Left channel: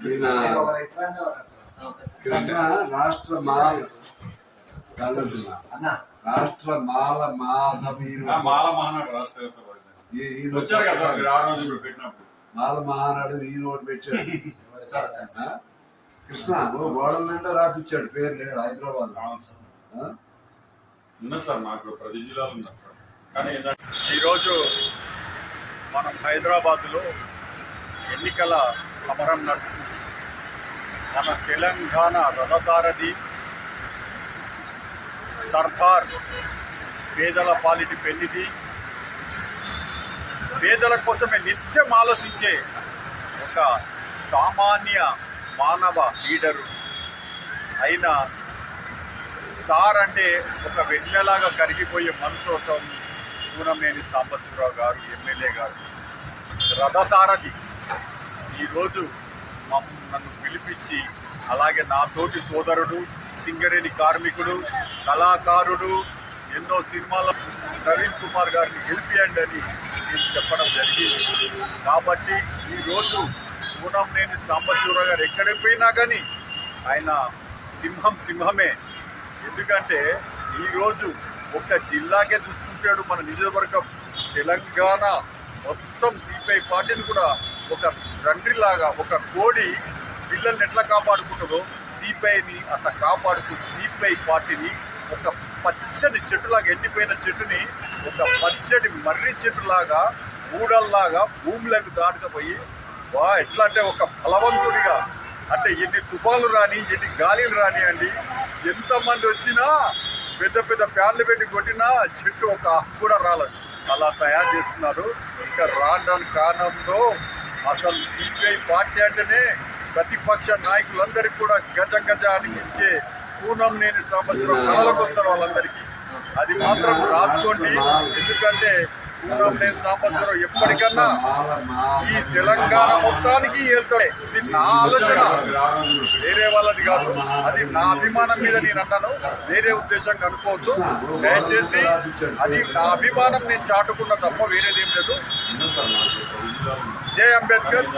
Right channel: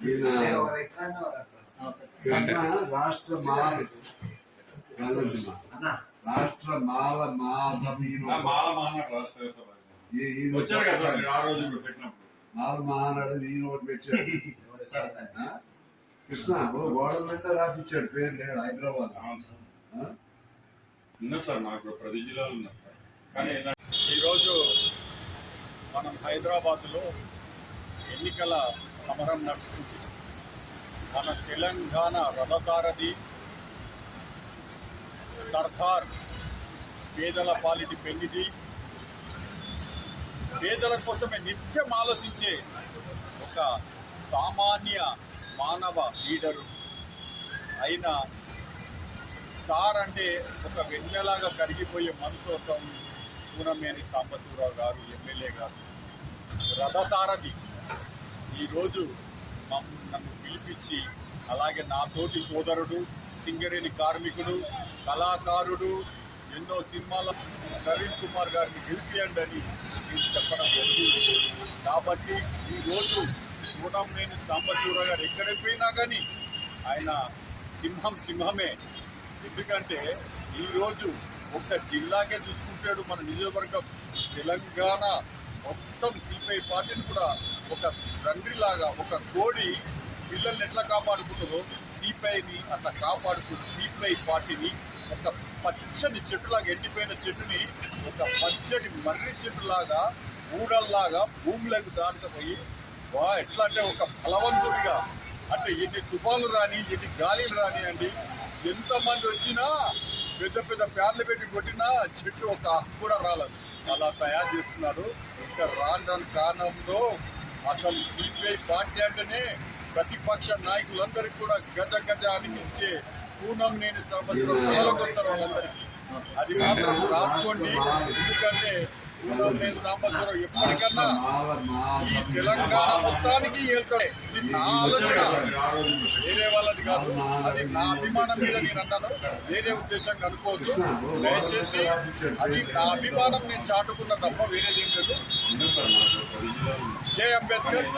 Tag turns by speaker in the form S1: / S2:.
S1: ఈయన రాష్ట్ర మాల రాష్ట్ర మాల
S2: మాల మహానాడు రాష్ట్ర
S1: ఈయన
S2: వచ్చారు కదా సార్ ఆ రోజు పెట్టినప్పుడు.
S1: మాల మహానాడు ఈయన ఒకటి పెట్టాడు? కృష్ణ గోడల నిండా రాపిచ్చాడు పేరు లేడు హైదరాబాద్.
S2: అవును సార్. నాకు ప్రతి జిల్లాలో ఉన్నారు సార్. కానీ ఏంటంటే ఈరోజు మనం హైదరాబాద్లో ఎన్నికల సమరం నడుస్తుంది. మన తెలంగాణ రథసారథి సర్దార్ పేదల పాలిటి పెళ్ళిది పేదల కోసమే నిత్యం ఆలోచించే ఒక సామాన్య మానవ లీడరు. అయిన సార్ అంటే ఒక వెన్నెలాగా కరిగిపోయే మనసుతో పూనమేని సాంబశివరావు గారు ఎమ్మెల్యే గారు. రథసారథి. ఈరోజు నన్ను పిలిపించి అలాగే నా తోటి సోదరుడు సింగరేణి కార్మికుడు కళాకారుడు ఎన్నో సినిమాల నవీన్ కుమార్ గారిని గెలిపియండి అని నేను చెప్పడం జరిగింది. కాబట్టి ఈరోజు పూనంనేని సాంబశివరావు గారు ఎక్కడికి పోయినా కానీ ఆయన సింహం సింహమే. ఎందుకంటే ఈరోజు ఒక జిల్లాకే చూసుకుంటాడు మన నియోజకవర్గం తెలంగాణ మొత్తం సిపిఐ పార్టీని కూడా ఒక తండ్రిలాగా ఒక కోడి పిల్లల్ని ఎట్లా కాపాడుకుంటుందో సిపిఐని అట్లా కాపాడుకుంటూ సిపిఐ పార్టీని ఒక పచ్చని చెట్టులాగా ఎండిపోయిన చెట్టుని ఒక పచ్చడి మర్రి చెట్టులాగా ఊడల్లాగా భూమిలోకి దాటుకపోయి వా ఎట్లా అంటే ఒక బలవంతుడిగా. అంటే ఎన్ని తుఫాలు రాని ఎన్ని గాలిలు రానియండి ఎంతమంది వచ్చినా పెద్ద పెద్ద ఫ్యాన్లు పెట్టి కొట్టినా చెట్టు ఒక కూడా రాలేదు. అలా తయారు చేస్తున్నారు. ఇంకా రావడానికి కారణంలో అసలు సిపిఐ పార్టీ అంటేనే ప్రతిపక్ష నాయకులందరికీ కూడా గజ గజ అనిపించే పూనం నేను సంవత్సరం కళలకు వాళ్ళందరికీ. అది మాత్రం రాసుకోండి. ఎందుకంటే నేను సంవత్సరం ఎప్పటికన్నా ఈ తెలంగాణ మొత్తానికి వెళ్తాడే ఇది నా ఆలోచన. వేరే వాళ్ళది కాదు. అది నా అభిమానం మీద నేను అన్నాను. వేరే ఉద్దేశంగా అనుకోవద్దు. దయచేసి అది నా అభిమానం నేను చాటుకున్న తప్ప వేరేదేం లేదు. జై అంబేద్కర్.